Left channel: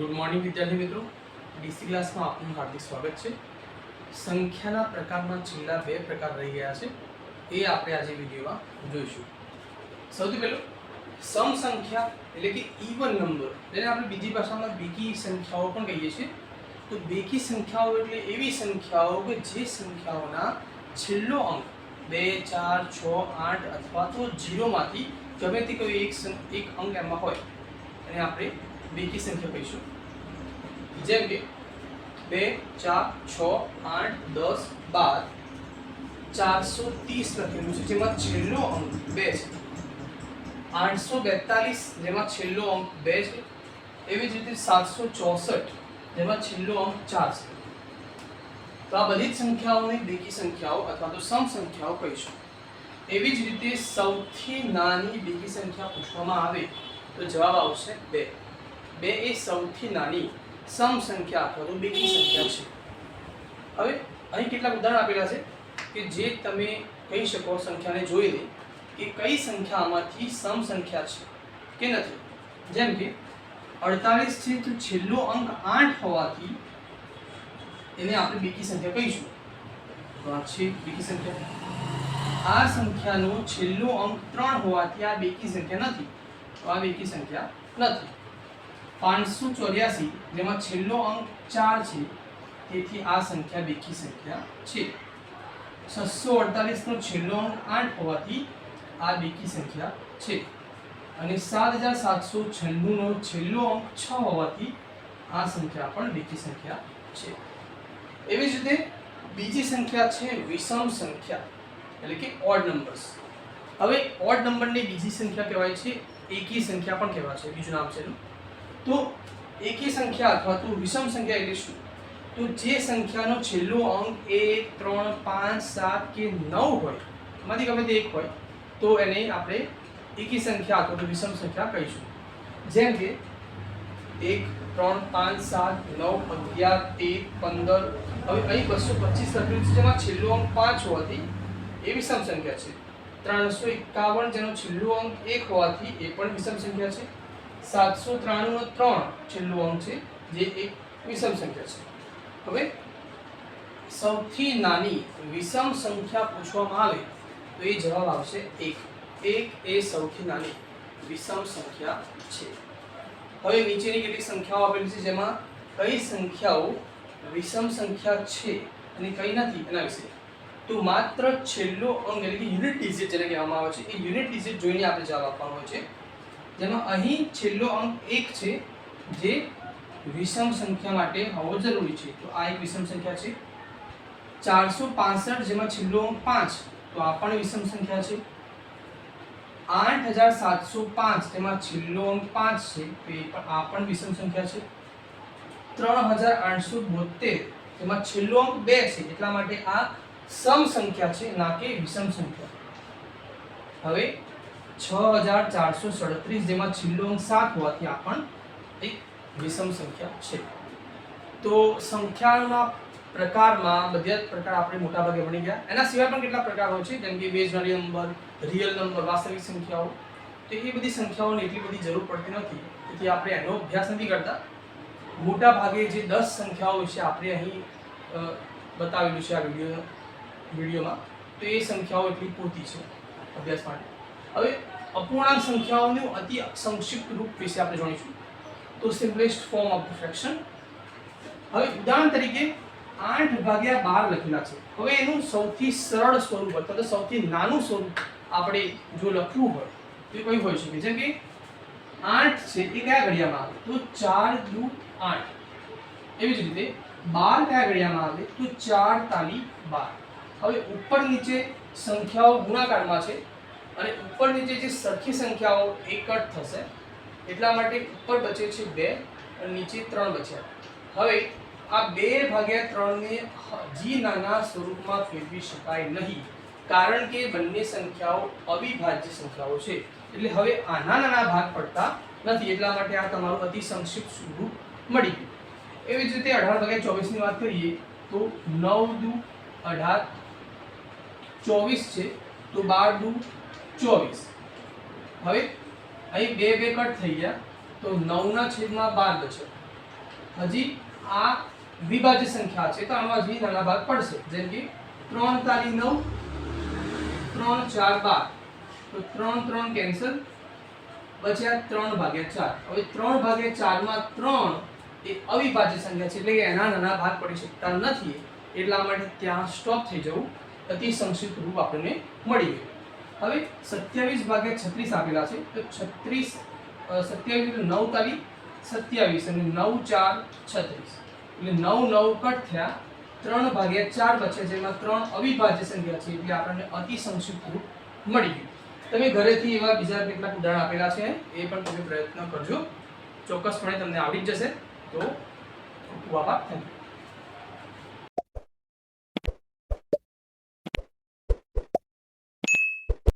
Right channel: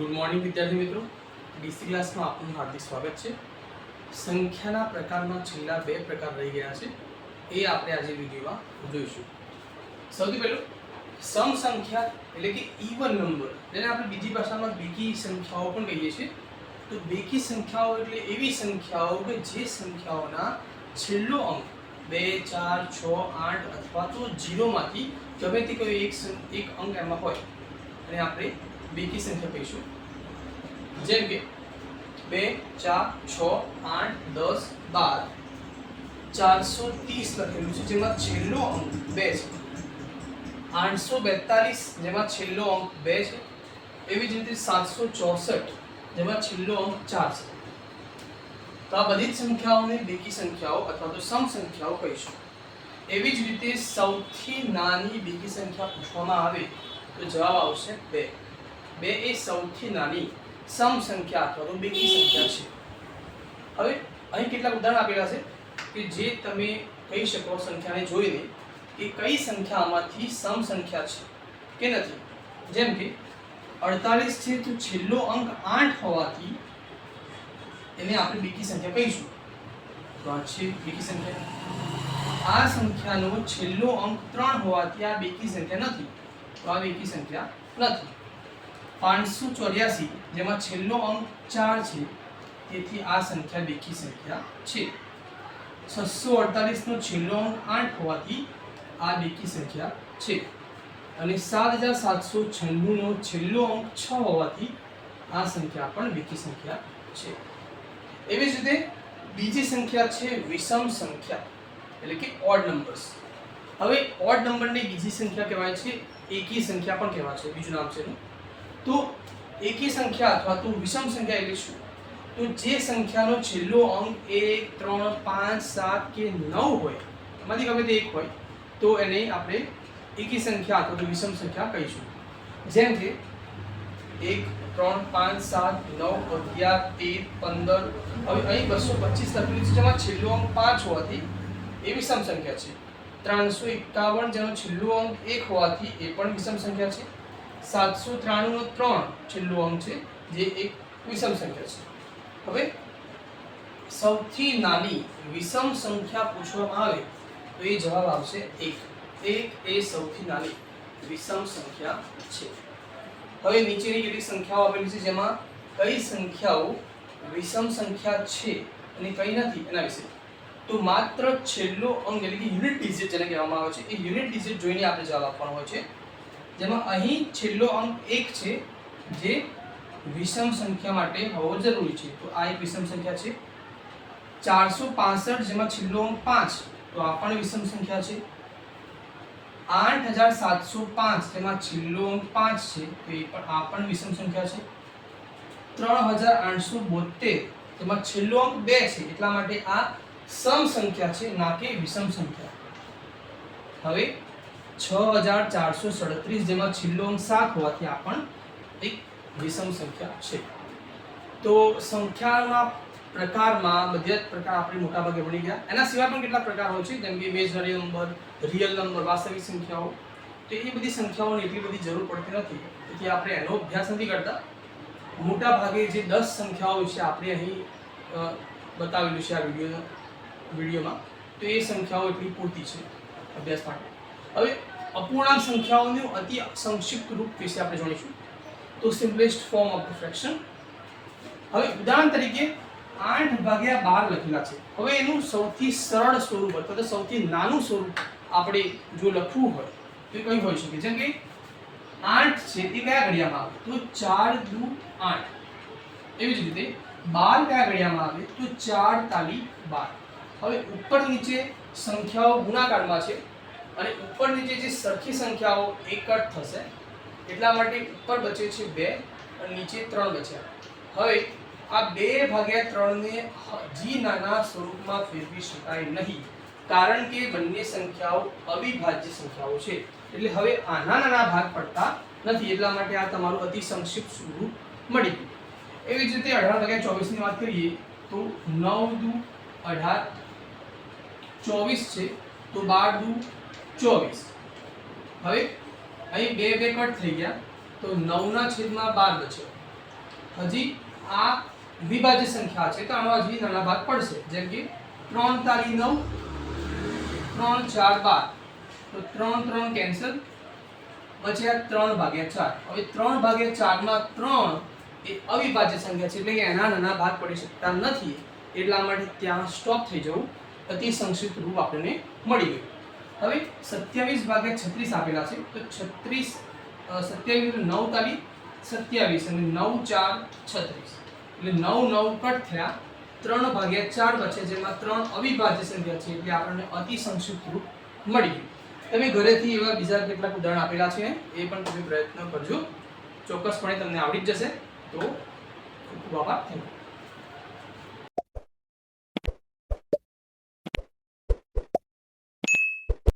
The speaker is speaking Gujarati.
ગુડ મોર્નિંગ વિદ્યાર્થી મિત્રો, ડીસી ક્લાસમાં આપનું હાર્દિક સ્વાગત છે. સંખ્યાના પ્રકારમાં છેલ્લા બે પ્રકાર રહી ગયા છે, એ આપણે આજે વિડીયોમાં જોઈશું. સૌથી પહેલું સમ સંખ્યા એટલે કે ઇવન નંબર, જેને આપણે બીજી ભાષામાં બેકી સંખ્યાઓ પણ કહીએ છીએ. તો બેકી સંખ્યાઓ એટલે એવી સંખ્યાઓ કે જે સંખ્યાઓના છેલ્લો અંક 2, 4, 6, 8 અથવા તો 0 માંથી ગમે તે કોઈ એક અંક એમાં હોય અને આપણે બેકી સંખ્યા કહીશું. જેમ કે 2, 4, 6, 8, 10, 12, 430 લખેલું છે જેમાં છેલ્લો અંક 2 છે. 842 જેમાં છેલ્લો અંક 2 છે. એવી જ રીતે 764 જેમાં છેલ્લો અંક 4 છે. તો આ બધી જ સંખ્યાઓને બેકી સંખ્યાઓ અથવા તો સમ સંખ્યાઓ કહીશું. એવી જ રીતે સૌથી નાની બેકી સંખ્યા પૂછવામાં આવે તો જવાબ આવશે 2. 2 એ સૌથી નાની સમ સંખ્યા અથવા તો બેકી સંખ્યા છે. હવે અહીં કેટલાક ઉદાહરણ આપેલા છે કે જે તમે કહી શકો સંખ્યાને જોઈને કે કઈ સંખ્યામાંથી સમ સંખ્યા છે કે નથી. જેમ કે 48 છે તો છેલ્લો અંક 8 હોવાથી એને આપણે બેકી સંખ્યા કહીશું. તો આ છે બેકી સંખ્યા. આ સંખ્યાનો છેલ્લો અંક 3 હોવાથી આ બેકી સંખ્યા નથી, તો આ બેકી સંખ્યા નથી. 584 જેમાં છેલ્લો અંક 4 છે, તેથી આ સંખ્યા બેકી સંખ્યા છે. 648 નો છેલ્લો અંક 8 હોવાથી આ બેકી સંખ્યા છે. અને 7796 નો છેલ્લો અંક 6 હોવાથી આ સંખ્યા પણ બેકી સંખ્યા છે. એવી જ રીતે બીજી સંખ્યા છે વિષમ સંખ્યા એટલે કે ઓડ નંબર્સ. હવે ઓડ નંબરની બીજી સંખ્યા કહેવાય છે એકી સંખ્યા પણ કહેવાય છે, બીજું નામ છે એનું. તો એકી સંખ્યા અથવા તો વિષમ સંખ્યા એટલે શું? તો જે સંખ્યાનો છેલ્લો અંક 1, 3, 5, 7 કે 9 હોય, એમાંથી ગમે તે એક હોય, તો એને આપણે એકી સંખ્યા અથવા તો વિષમ સંખ્યા કહીશું. જેમ કે 1, 3, 5, 7, 9, 11, 13, 15. હવે અહીં 225 લખેલું છે જેમાં છેલ્લો અંક 5 હોવાથી એ વિષમ સંખ્યા છે. 351 જેનો છેલ્લો અંક 1 હોવાથી એ પણ વિષમ સંખ્યા છે. 793 નો 3 છેલ્લો અંક છે જે એક વિષમ સંખ્યા છે. હવે સૌથી નાની વિષમ સંખ્યા પૂછવામાં આવે તો એ જવાબ આવશે 1. 1 એ સૌથી નાની વિષમ સંખ્યા છે. હવે નીચેની કેટલીક સંખ્યાઓ આપેલી છે જેમાં કઈ સંખ્યાઓ વિષમ સંખ્યા છે અને કઈ નથી એના વિશે. તો માત્ર છેલ્લો અંક એટલે કે યુનિટ ડિજિટ જેને કહેવામાં આવે છે, એ યુનિટ ડિજિટ જોઈને આપણે જવાબ આપવાનો હોય છે. જેમાં અહીં છેલ્લો અંક 1 છે જે વિષમ સંખ્યા માટે હોવો જરૂરી છે, તો આ એક વિષમ સંખ્યા છે. 465 જેમાં છેલ્લો અંક 5, તો આ પણ વિષમ સંખ્યા છે. 8705 જેમાં છેલ્લો અંક 5 છે, તો આ પણ વિષમ સંખ્યા છે. 3872 જેમાં છેલ્લો અંક 2 છે, એટલા માટે આ સમ સંખ્યા છે, ના કે વિષમ સંખ્યા. હવે 6437 જેમાં છેલ્લો અંક 7 હોવાથી આ પણ એક વિષમ સંખ્યા છે. તો સંખ્યાના પ્રકારમાં બધા જ પ્રકાર આપણે મોટા ભાગે ભણી ગયા. એના સિવાય પણ કેટલા પ્રકાર હોય છે, જેમ કે ઇમેજનરી નંબર, રિયલ નંબર, વાસ્તવિક સંખ્યાઓ. તો એ બધી સંખ્યાઓની એટલી બધી જરૂર પડતી નથી, તેથી આપણે એનો અભ્યાસ નથી કરતા. મોટા ભાગે જે 10 સંખ્યાઓ વિશે આપણે અહીં બતાવેલું છે આ વિડીયોમાં, તો એ સંખ્યાઓ એટલી પૂરતી છે અભ્યાસ માટે. હવે અપૂર્ણાંક સંખ્યાઓનું અતિ સંક્ષિપ્ત રૂપ વિશે આપણે જાણીશું. તો સિમ્પલેસ્ટ ફોર્મ ઓફ ફ્રેક્શન. હવે ઉદાહરણ તરીકે 8/12 લખેલા છે. હવે એનું સૌથી સરળ સ્વરૂપ અથવા તો સૌથી નાનું સ્વરૂપ આપણે જો લખવું હોય તો કઈ હોઈ શકે? જેમ કે 8 છે એ કયા ઘડિયામાં આવે? તો 4 દુ 8. એવી જ રીતે 12 કયા ઘડિયામાં આવે? તો 4 તાલી 12. હવે ઉપર નીચે સંખ્યાઓ ગુણાકારમાં છે અને ઉપર નીચે જે સરખી સંખ્યાઓ એક જ થશે, એટલા માટે ઉપર બચે છે 2 અને નીચે 3 બચ્યા. હવે આ 2/3 ને હજી નાના સ્વરૂપમાં ફેરવી શકાય નહીં, કારણ કે બંને સંખ્યાઓ અવિભાજ્ય સંખ્યાઓ છે. એટલે હવે આના નાના ભાગ પડતા નથી, એટલા માટે આ તમારું અતિ સંક્ષિપ્ત સ્વરૂપ મળી ગયું. એવી જ રીતે 18/24 ની વાત કરીએ તો 9 દુ 18, 24 છે તો 12 દુ 24. હવે અહીં 2 કટ થઈ ગયા તો 9 ના છેદમાં 12 બચ્યો. હજી આ વિભાજ્ય સંખ્યા છે તો આનો હજી નાના ભાગ પડશે, જેમ કે 3 તારી 9, 3 4 12, તો 3 3 કેન્સલ, બચ્યા 3 ભાગ્યા 4. હવે 3 ભાગ્યા 4 માં 3 એ અવિભાજ્ય સંખ્યા છે એટલે કે એના નાના ભાગ પડી શકતા નથી, એટલા માટે ત્યાં સ્ટોપ થઈ જવું. અતિ સંક્ષિપ્ત રૂપ આપણને મળી ગયું. હવે 27 ભાગ્યા 36 આપેલા છે તો 36 27 એટલે 9 તારી 27 અને 9 4 36 એટલે 9 9 કટ થયા, 3 ભાગ્યા 4 બચે જેમાં 3 અવિભાજ્ય સંખ્યા છે એટલે આપણને અતિ સંક્ષિપ્ત રૂપ મળી ગયું. તમે ઘરેથી એવા બીજા કેટલાક ઉદાહરણ આપેલા છે એ પણ તમે પ્રયત્ન કરજો, ચોક્કસપણે તમને આવડી જ જશે. તો ખૂબ આભાર. Thank you.